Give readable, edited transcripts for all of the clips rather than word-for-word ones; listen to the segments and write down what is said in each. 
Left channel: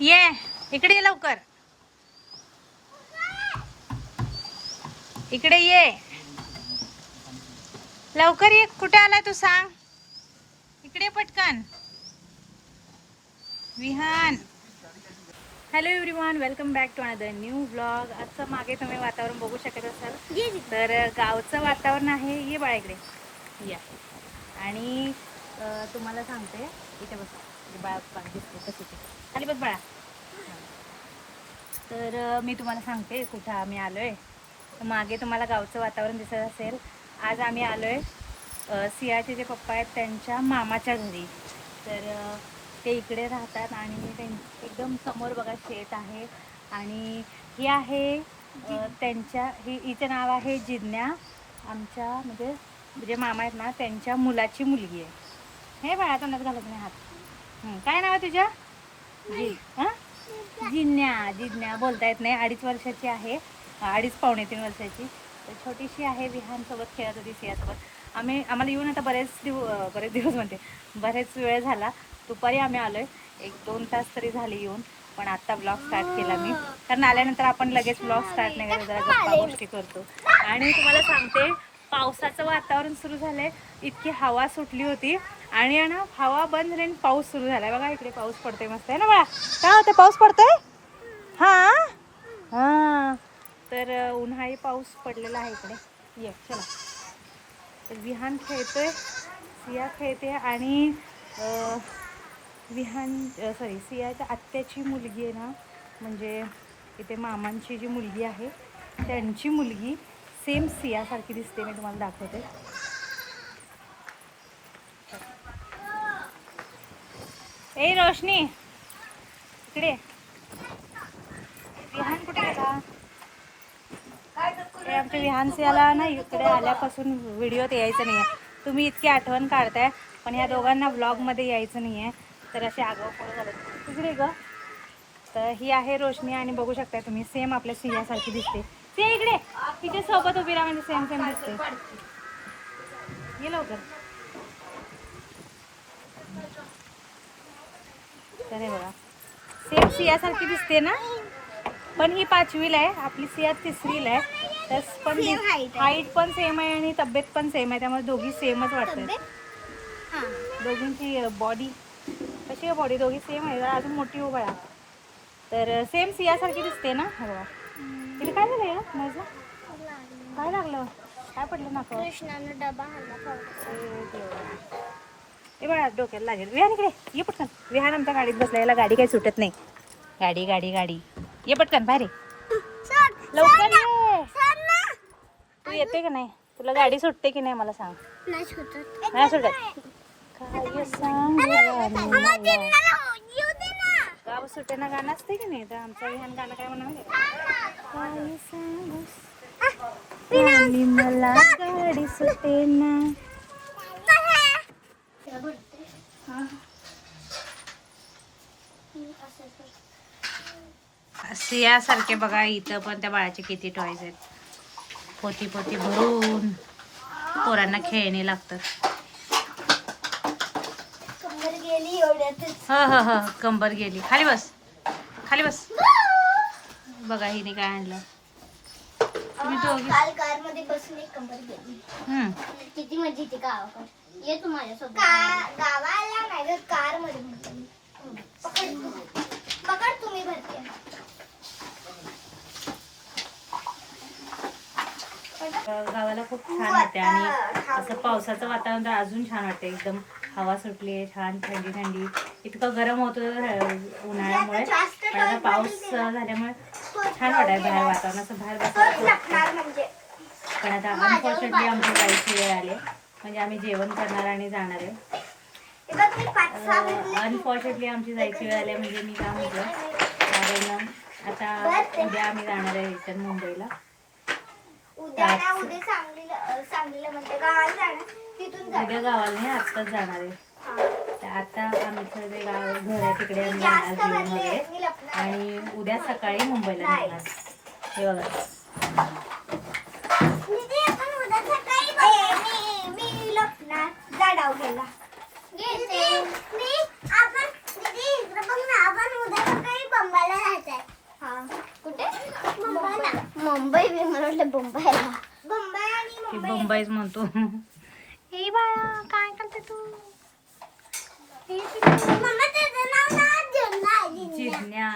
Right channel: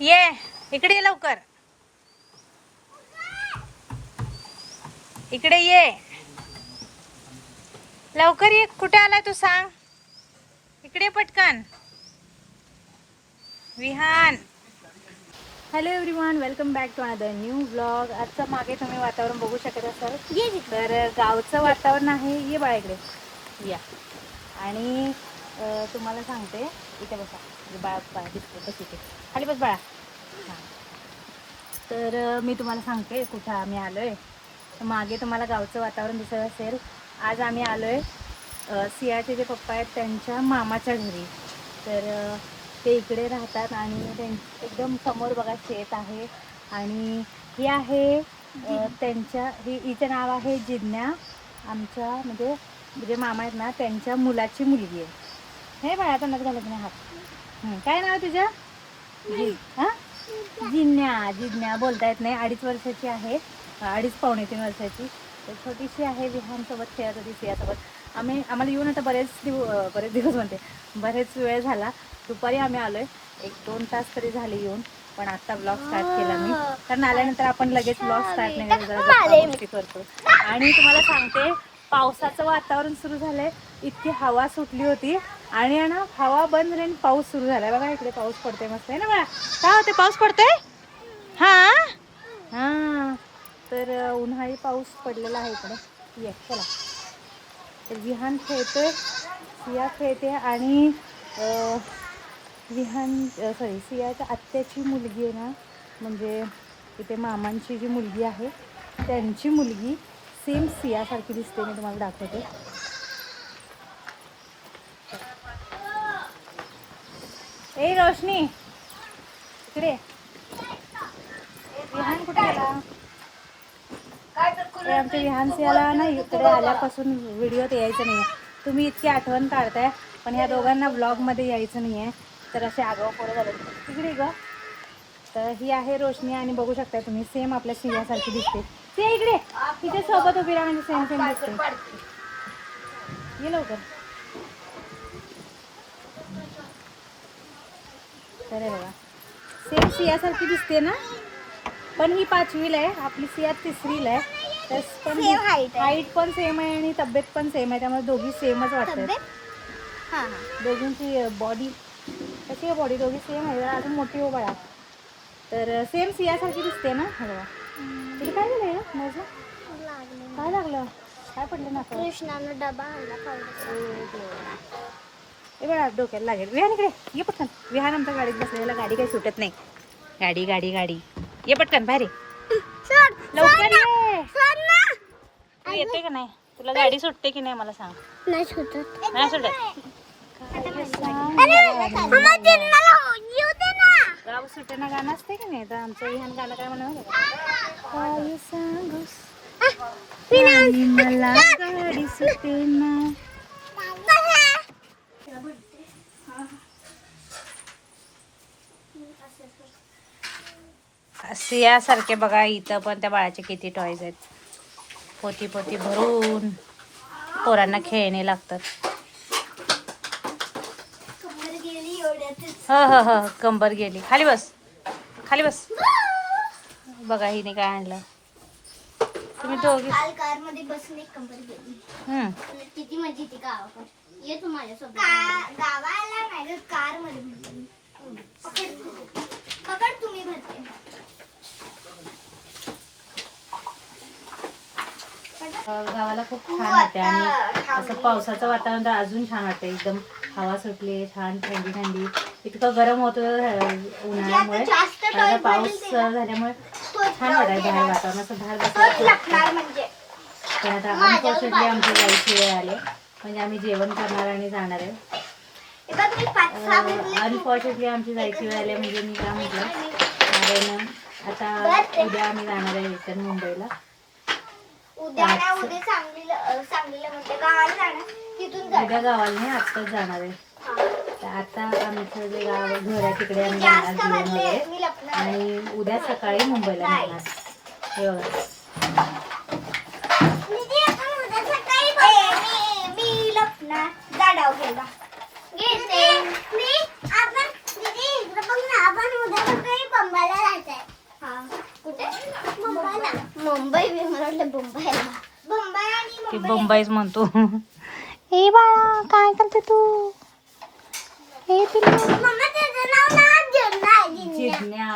ये इकडे ये लवकर, इकडे ये लवकर ये. कुठे आलाय तू सांग. इकडे पटकन. Vihaan. Hello everyone, welcome back to another new vlog. आजचं मागे तुम्ही वातावरण बघू शकत असाल, तर गावचं वातावरण आहे. ये बाळा इकडे या. आणि तुम्हाला सांगते, इथे बसा. बाळा दिसते कशी ते खाली बस बाळा. हां, तर मी तुम्हाला सांगते कुठं आम्ही आलो आहे. तर मागे तुम्हाला गावचं वातावरण दिसत असेल. आज आम्ही आलो आहे सियाचे जे पप्पा आहेत त्यांच्या मामाच्या घरी. तर ते इकडे राहतात आणि एकदम समोर बघा शेत आहे. आणि ही आहे त्यांच्या हिचं नाव आहे जिज्ञा. आमच्या म्हणजे मामा आहेत ना, त्यांच्या मुलाची मुलगी आहे. हे बाळा तोंडात घालत नाही हात. काय नाव आहे तुझ्या? हां, जिज्ञा बोलता येत नाही. 2.5 वर्षाची आहे, 2.5 पावणे 3 वर्षाची. तर छोटीशी आहे. विहानसोबत खेळत होती, सियासोबत. आम्हाला येऊन आता बरेच दिवस म्हणते, बरेच वेळ झाला. दुपारी आम्ही आलो आहे, 1-2 तास तरी झाले येऊन. पण आत्ता ब्लॉग स्टार्ट केला मी, कारण आल्यानंतर आपण लगेच ब्लॉग स्टार्ट नाही करत, जरा गप्पा गोष्टी करतो. आणि तुम्हाला सांगते, पावसाचं वातावरण सुरू झालं आहे. इतकी हवा सुटली होती आणि ना हवा बंद झाली आणि पाऊस सुरू झाला. बघा इकडे पाऊस पडतोय मस्त आहे ना बाळा. काय होते, पाऊस पडतोय? हां हां, तर उन्हाळी पाऊस पडलेला आहे इकडे. ये चला. तर विहान खेळतोय, सिया खेळते. आणि सियाच्या आत्याची मुलगी आहे ना, म्हणजे इथे मामांची जी मुलगी आहे त्यांची मुलगी सेम सियासारखी दिसते. मी तुम्हाला दाखवते. ए रोशनी इकडे. विहान कुठे गेला? आमच्या विहान सियाला ना इकडे आल्यापासून व्हिडिओत यायचं नाही आहे. तुम्ही इतकी आठवण काढताय, पण ह्या दोघांना व्लॉगमध्ये यायचं नाही आहे. तर असे आगाऊ पोरं झाले. इकडे ग. तर ही आहे रोशनी आणि बघू शकता तुम्ही, सेम आपल्या सियासारखी दिसते. सिया इकडे, तिच्या सोबत उभी राहा, म्हणजे सेम दिसते. ये लवकर. तर हे बघा, सेम सियासारखी दिसते ना. पण ही 5वीला आहे, आपली सिया 3रीला आहे. तर पण हाईट पण सेम आहे आणि तब्येत पण सेम आहे, त्यामुळे दोघी सेमच वाटतात. दोघींची बॉडी कशी आहे, बॉडी दोघी सेम आहे. अजून मोठी हो बाळा. तर सेम सियासारखी दिसते ना. हो बघा. तिला काय झालं या माझं? काय लागलं? काय पडलं ना? कृष्णानं डबा आणला. ए बाळा डोक्याला लागेल. विहान इकडे ये पटकन. विहान आमच्या गाडीत बसला, याला गाडी काही सुटत नाही. गाडी गाडी गाडी. ये पटकन बाहेर ये. लवकर ये. तू येते का नाही? तुला गाडी सुटते की नाही मला सांग. नाही सुटत. नाही सुटत. गाव सुटेना गाणं असते की नाही, तर आमचं विहान गाणं काय म्हणा, काय सांगूस मला गाडी सुटेना. सियासारखे बघा इथं पण त्या बाळाचे किती टॉयज आहेत. पोती पोती भरून पोरांना खेळणे लागतात. ह कंबर गेली. खाली बस, खाली बस. बघा हिने काय आणलं. तुम्ही दोघी कारमध्ये बसणे कंबर गेली. किती मजा येते गावाकडे. ये तू माझ्यासोबत. गावाला नाही, कार मध्ये. पकड तुम्ही भरते. गावाला खूप छान वाटते आणि असं पावसाचं वातावरण तर अजून छान वाटते. एकदम हवा सुटली आहे, छान थंडी थंडी. इतकं गरम होतं उन्हाळ्यामुळे, पण आता पाऊस झाल्यामुळे छान वाटाय बाहेर वातावरण, असं बाहेर बसायला. पण आता अनफॉर्च्युनेटली आमची जायची वेळ आली, म्हणजे आम्ही जेवण करणार आणि जाणार आहे. अनफॉर्च्युनेटली आमची जायची वेळ आली, म्हणजे मी काय म्हटलं, कारण आता उद्या आम्ही जाणार आहे रिटर्न मुंबईला. उद्या गावाला नाही, आत्ताच जाणार आहे. तर आता आमचं जे गाव घर आहे तिकडे आम्ही जाणार जेवण वगैरे, आणि उद्या सकाळी मुंबईला निघणार. हे बघा, मुंबई मी म्हटलं मुंबईला मुंबई आणि ती बंबाईच म्हणतो. ए बाळा काय करते तू? हे मम्मा त्याचं नाव ना जिज्ञा आहे, जिज्ञा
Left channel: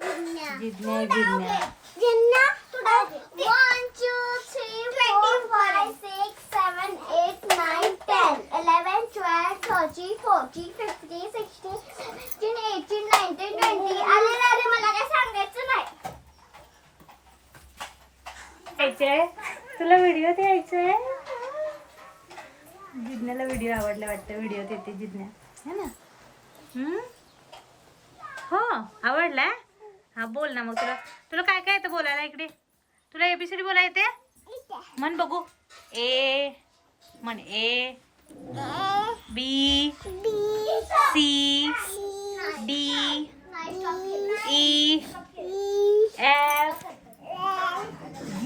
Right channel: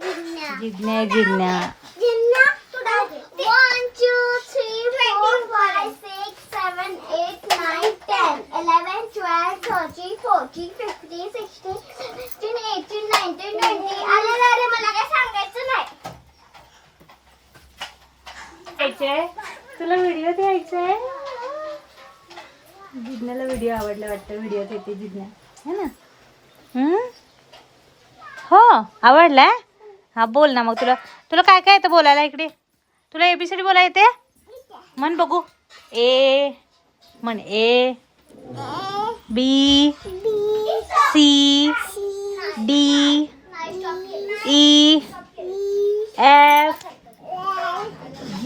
जिज्ञा. जिज्ञा जिज्ञा. जिज्ञा, तुला 1 2 3 4 5 6 7 8 9 10 11 12 13 14 15 16 17 18 19 20. अरे मला काय सांगायचं नाही. यायचंय तुला व्हिडिओ द्यायचंय. जिज्ञाला व्हिडिओ आवडला वाटतं. व्हिडिओ येते जिज्ञा है ना. हो आवडलाय. हा बोल ना मग. तुला तुला काय काय येतं बोलायला इकडे? तुला ABCD बोलायला येते? म्हण बघू. ए म्हण. A B C D E F G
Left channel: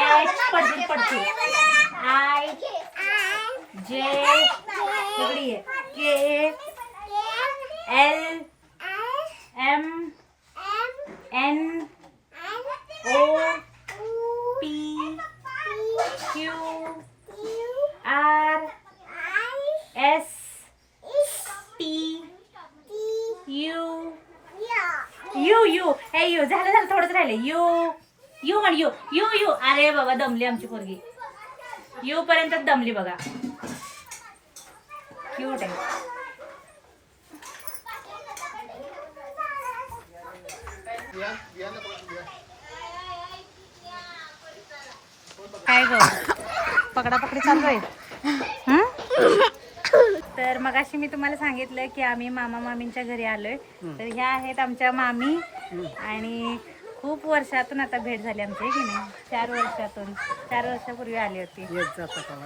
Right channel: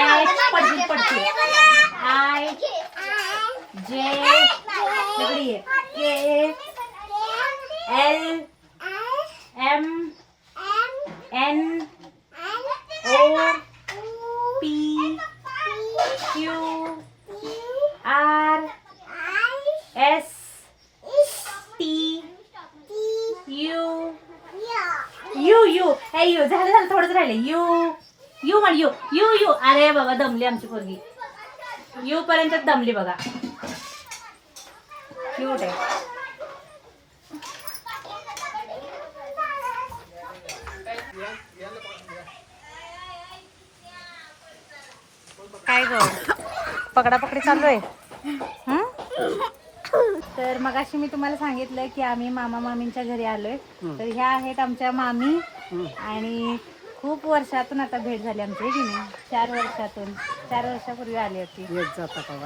H पडशील I J इकडे ये. K L M N O P Q R S T U U हे यू झालं थोडंच राहिलं. यू म्हण. यू अरे बाबा दमली आमची पोरगी. यू पर्यंत दमली बघा. क्यूट आहे. काय ग पकडापकडी चालू आहे. तर मगाशी मी तुम्हाला सांगितलं की आम्ही मामा मामींच्या घरी आलोय. तर ह्या आहेत आमच्या मामी आणि खूप वर्षातून आता भेट झाली आमची की नाही. 4 वर्षापूर्वी आली होती.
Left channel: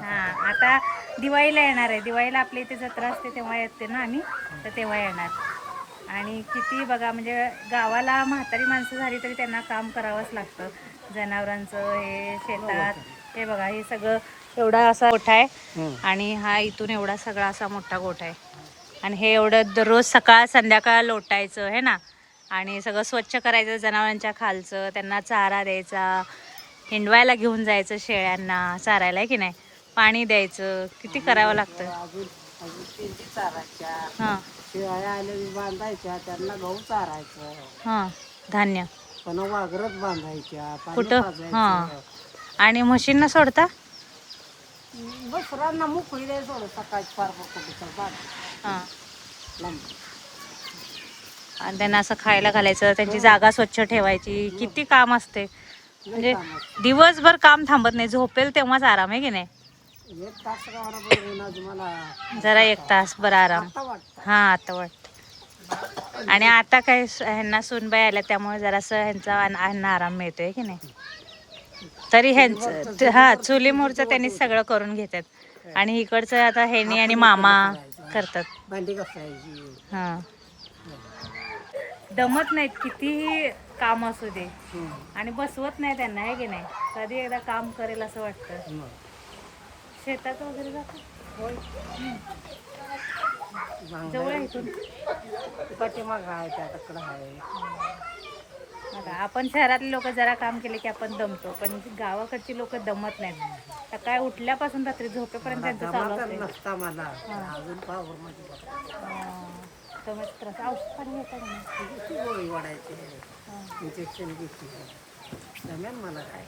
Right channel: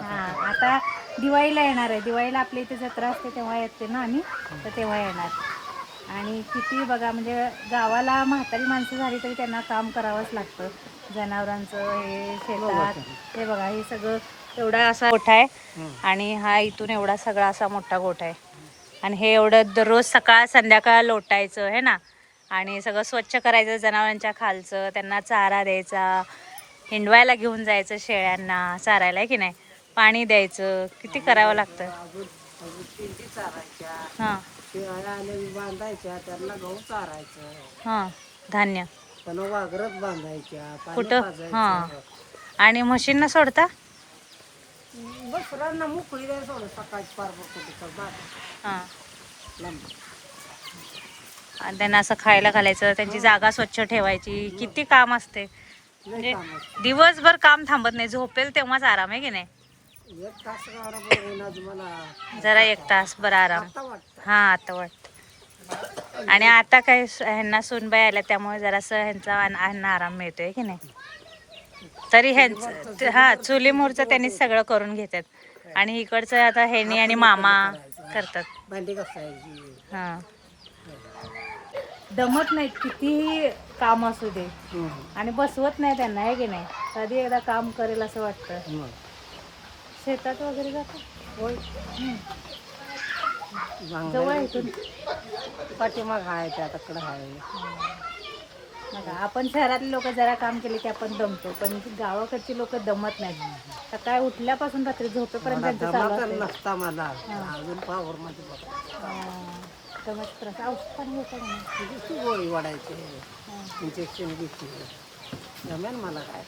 हा आता दिवाळीला येणार आहे. दिवाळीला आपल्या इथे जत्रा असते तेव्हा येते ना आम्ही. तर तेव्हा येणार. आणि किती बघा म्हणजे गावाला म्हातारी माणसं झाली तरी त्यांना काम करावंच लागतं. जनावरांचं हे शेतात हे बघा हे सगळं एवढा असा गोठा आहे आणि हा इथून एवढा सगळा असा मोठा गोठा आहे. आणि हे एवढं दररोज सकाळ संध्याकाळ लोटायचं है ना. आणि सगळं स्वच्छ करायचं जनावरांच्या खालचं. त्यांना चारा द्यायचा. हिंडवायला घेऊन जायचं शेळ्यांना चारायला आहे की नाही. पाणी द्यायचं. किती करावं लागतं. हां बांधायच्या त्यांना गहू चारायचं. हां धान्य पण वाघरत बांधायच्या कुठं. हां आणि म्हशींना सोडता. बसरांना मोकळी द्यायला सोडं सकाळची फार कुठे हां आणि त्यांना असं खायला घालायचं. त्यांची जागा स्वच्छ ठेवायची. किती काम असते. म्हणजे दिवसभर काम थांबत नाही. झोपेल तेव्हाच आराम आहे की नाही. 1 तास मला जरा 1 तास बरं आराम. हां आता वाटतं. आणि आता काय ह्यांना सूनबाई आल्या त्यामुळे जरासं ह्यांचा आराम मिळतोय की नाही. तरी ह्यांचं हा चुलीमुळचं त्यांनी सगळं करून घेतात. आणि इकडचं आता ह्यांनी आणि मामा करतात. भांडी घासायची. हां दमत नाहीत कितीही काम असू दे. आणि बसवत नाही त्यांना आहे की नाही. कधी एकदा काम करेल असं वाटतं. शेतात वगैरे जातात. जवळ आहे इथून. पाठीमाग आहे त्याकडे आहे. बघा आपण शहरातले लोक जरा काम केले की आपण दमतो. पण गावाकडची लोक दमत नाहीत. सकाळी उठल्यापासून रात्री झोपेपर्यंत त्यांचं चालू असते. नसता मला अजून पावर मध्ये दमत त्रास. औषध पाणी घेता का नाही. गोळी वाढायची इंजेक्शन घेतली जमेन मला काय.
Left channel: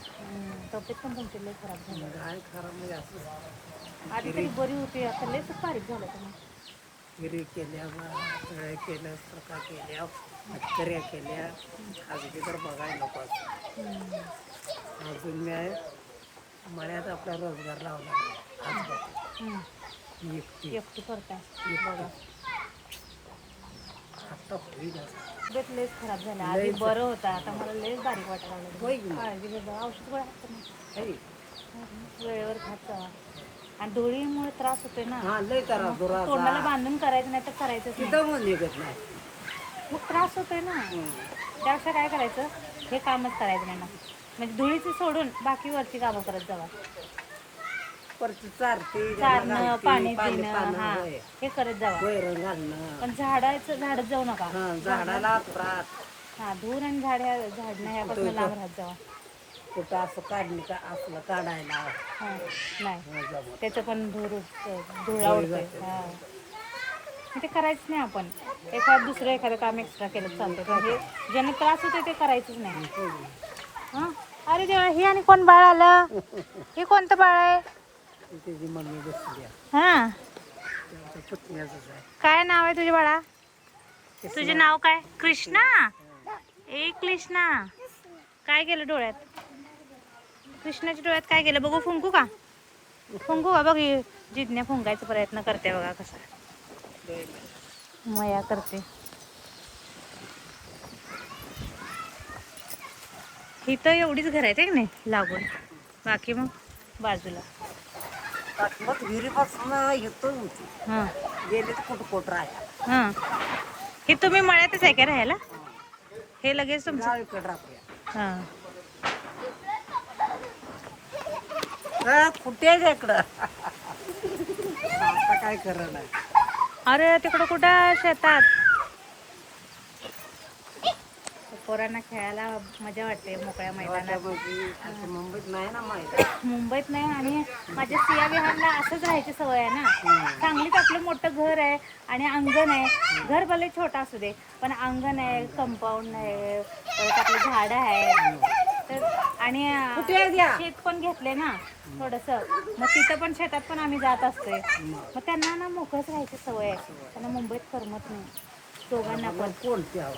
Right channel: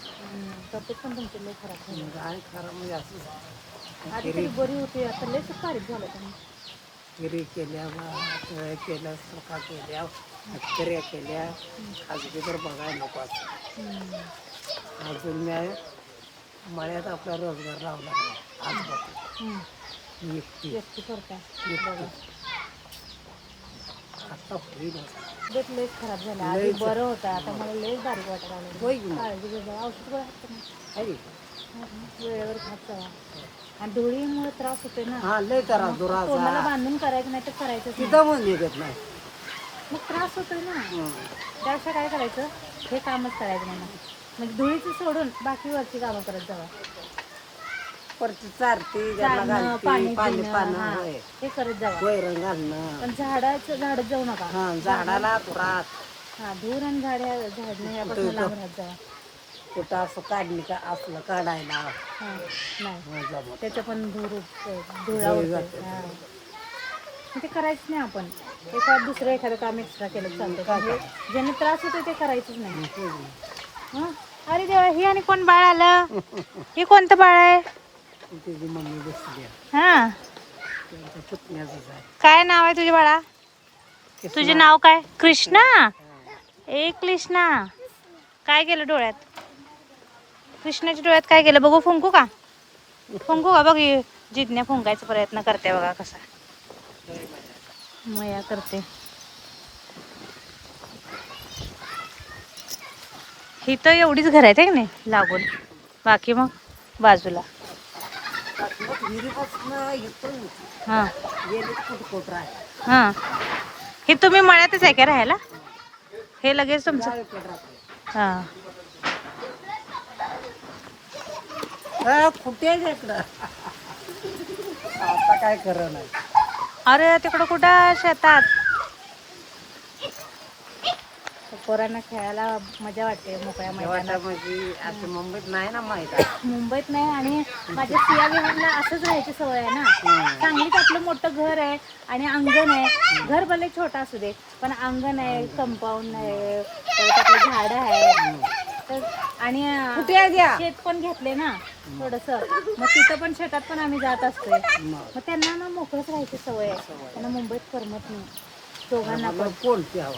तब्येत पण तुमची लई खराब झाली. काय खरं म्हणजे असं आधी तरी बरी होती. आता लईच बारीक झालं तुम्ही. पुरी केल्या पोळ्या केल्या चोखा केल्या हत्कऱ्या केल्या. अजून तर बघायला नको असं. अजून मी मळ्यात आपला रोजगार लावला आज बघतो एकटी करताय बघा. आता होईल तब्येत लईच खराब झालं. आधी बरं होतं. आता मला लईच बारीक वाटायला लागलं. काळजी घे जरा. औषध गोळ्या खात नाही. वेळेवर खात जावा. आणि धुळीमुळे त्रास होते ना. तोंडाला बांधून करायचं नाही तर करायचंच नाही. मग त्रास होतोय ना. त्यापेक्षा काय करायचं हे कामच करायचं नाही ना. म्हणजे धुळीची सोडून बाकी वरची कामं करत जावा. चारणं पाणी देणं हा हे करत जावा. पण झाडच जाऊ नका. झाडाला हा धूर आणि झाडणं ह्यापासून लांब राहत जावा. कुठं असं काढणी का असलं काढायला हा नाही मजा मग. त्याचं पण धुळा धूळ उडतोय. जाते. हा मग ते करायचं नाही आपण. दुसरं एखादं काम एक्स्ट्रा केलं चालतंय, पण हे ज्याने त्रास होतोय ते करायचंच नाही. हा अरे देवा, ही आणि कोण बाळ आलं? हे कोणतं बाळ आहे? त्याची मम्मी बसली आहे. हा त्यांच्या पुतण्याचंच आहे. काय नाव आहे तुझ्या बाळा? तुझे नाव काय? कृष्णा. ए कृष्णा, काय केलं डोळ्यात? कृष्णाच्या डोळ्यात काय केलं बघू? फुंकू का? फुंकू का? बघ जिज्ञा फुंकायचा प्रयत्न करते बघा कसा. मया करते. ही तर एवढीच घर आहेत की नाही लागून, बाकी मग बाजूला. मग विहिरीपासून येतो हां गेले तर कुठं कोट राहायला. हां हे तुम्ही मळ्यातच आहे का राहायला? हे लगेच तुमचं? गावीकडे राहतोय. हां कुठे इकडं आता काय करत नाही. अरे तिकडं कुठं शेतात. पोरांना खेळायला मजा वाटते मोकळ्या मैदानात. म्हणजे असं मुंबईत नाही ना माहित. मुंबईत नाही, आणि माझ्या सिया विहारला असंच राहायची सवय आहे ना. सांगलीत आपलं मोठं घर आहे आणि अंगण आहे. घर भले छोटा असू दे, पण अंगण आहे, कंपाऊंड आहे, परत आपली झाडं आहेत. तर आणि शेत पण घेतले ना थोडस, मग तिथं पण शेतात पण आम्ही जात असतोय. मग त्यांना ना मोकळच राहायची सवय आहे. त्यांना मुंबईत करमत नाही दोघांना पण.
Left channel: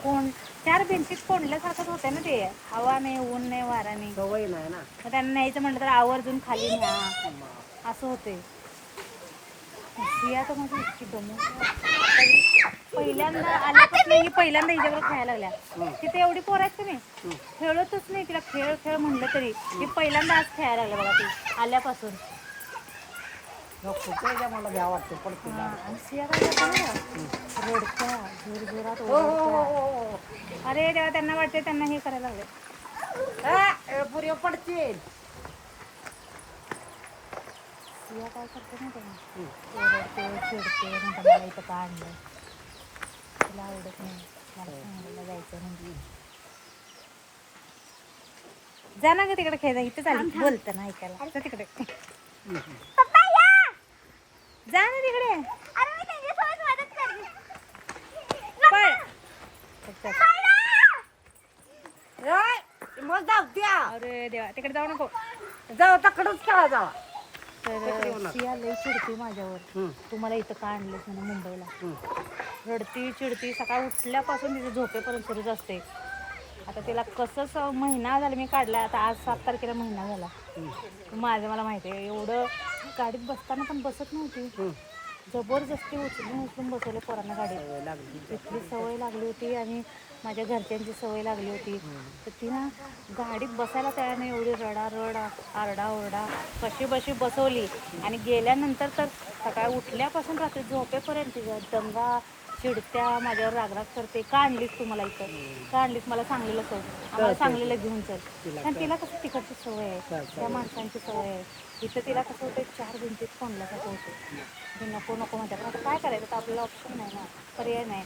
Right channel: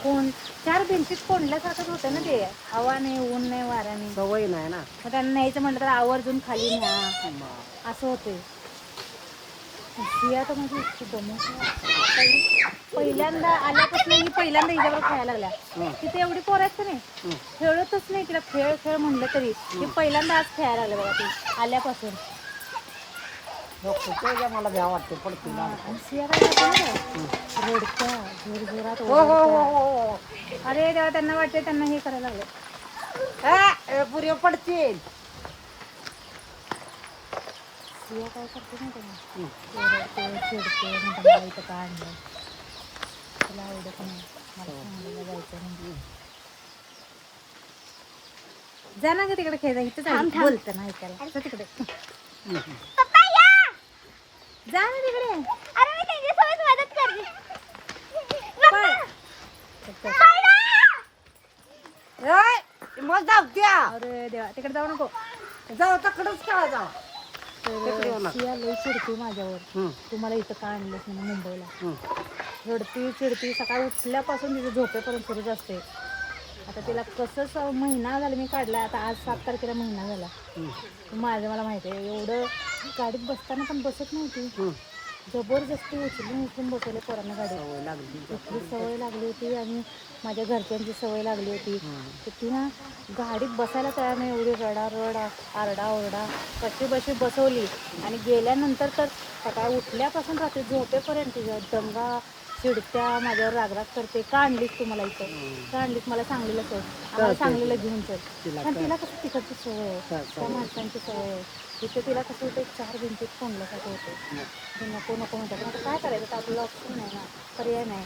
कोण चार भिंतीत कोंडल्यासारखंच होतंय ना ते. हवा नाही, ऊन नाही, वारा नाही, सवय नाही ना. मग त्यांना न्यायचं म्हटलं तर आवर्जून खाली न्या असं होते. सिया तर माझी इतकी दमवते. आता ही पहिल्यांदा आल्यापासून ही पहिल्यांदा हिच्यावर खेळायला लागल्या. तिथे एवढी पोरं आहेत का नाही, खेळतच नाही तिला. खेळ खेळ म्हणलं तरी ही पहिल्यांदा आज खेळायला लागल्या बघा ती आल्यापासून. मला भ्याव वाटते पडते. आणि सिया काय करते ना, रडत्या जोर जोरात ओरडत्या. अरे तेव्हा त्यांना वाटते त्यांना हे करायला लागले. पुरे पडतील. सिया काय करते ना त्यांना, ओरडते चिडते, म्हणते मला इथं का आणलं, तुला आवडत नाही, मला सांगायला जायचं म्हणजे. जा ना ग तिकडे खेळा, इथं चालू बोलतं ना ऐकायला. जा तिकडे, पप्पा या. जा ना तिकडे. अरे मी त्यांच्यासोबत मदत करते. पळ. मग जाऊ द्या. अरे देवा, तिकडे जाऊ नको. जाऊ तकडच खेळा जावा. तर सिया लई चिडते माझ्यावर, तुम्हाला इथं का आणलंस म्हणून मुंबईला. रडती चिडती, सकाळी उठल्यापासून तिचं झोपेपर्यंत सुरूच असते. आता तिला कसंच महिना झाला मी काढला. आता आज 7 तारखेला महिना झाला. मला माहिती आहे एवढं गाडीत बसताना पण बसत नव्हती. जबरदस्ती उचलून बसवले पोरांना गाडीत. इतकी सवय लागली होती आणि माझ्या घरच्यांची सवय लागली होती. तर ती ना गाडीत बसायला तयार नाही. एवढी रडारड, आरडाओरडा, कशी बशी बसवली. आणि गेल्यानंतर तर सकाळी उठल्यापासून रात्री झोपेपर्यंत दंगा, चिडत्या, माझ्यावर रागराग करते. का आणलीस तू मला इथं, का आणलीस, मला सांगलीला सोड, आम्हाला सांगलीला घेऊन चल. पण तिला कसं तिकडची सवय आहे, त्या माणसांची सवय आहे. इथं तिला कसं होतं, 4 भिंतीत कोंडल्यासारखं होतं. नको नको म्हणतात. आता काय करायचं, तर आपल्याला ऑप्शन नाही ना, पर्याय नाही.